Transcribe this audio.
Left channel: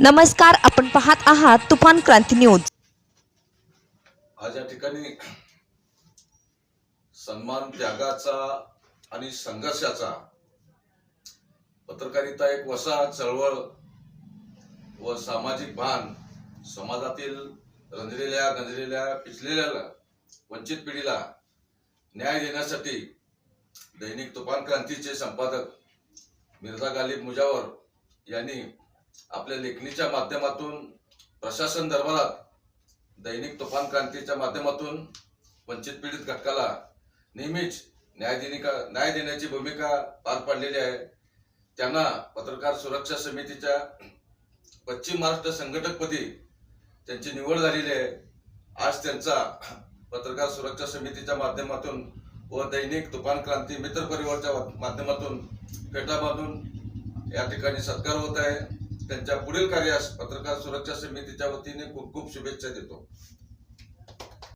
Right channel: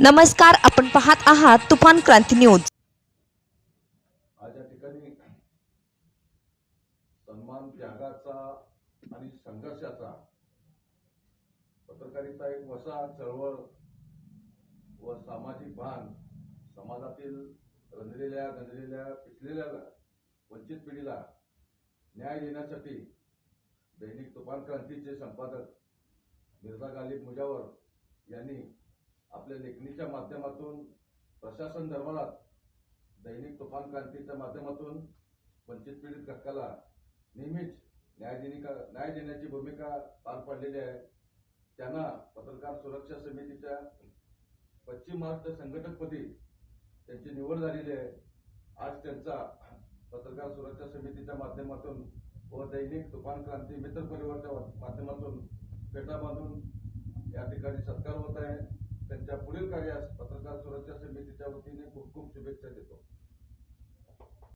नमस्कार आपण पाहत आहात तुफान क्रांती न्यूज. आज या ठिकाणी सन्मान त्यागाचा आणि संघर्षाचा पत्रकारिता एक वसा चळवळ व सामाजिक भान समाजातील रंजलेल्या गंजलेल्या पिचलेल्या वंचित पिढीला न्याय देण्यासाठी दैनिक तुफान क्रांतीचे संपादक मिर्झा गालिब मुजावर यांनी आपल्या लेखणीच्या माध्यमातून प्रशासन दरबारात दैनिक तुफान क्रांतीच्या माध्यमातून वंचित पीडित घटकाला नेहमीच न्याय देनिका न्याय देण्याची भूमिका पार पाडलेली आहे. त्यांना पत्रकार सुरक्षा समितीच्या पश्चिम महाराष्ट्र संघटकपदी त्यांची निवड झालेली आहे. आज त्यांचा पत्रकार सुरक्षा समितीच्या माध्यमातून व दैनिक तुफान क्रांती मित्र परिवारच्या माध्यमातून फेटा बांधून या ठिकाणी सत्कार होत आहे. त्यांच्या पुढील कार्यास पत्रकार सुरक्षा समितीच्या वतीने खूप खूप शुभेच्छा देतो.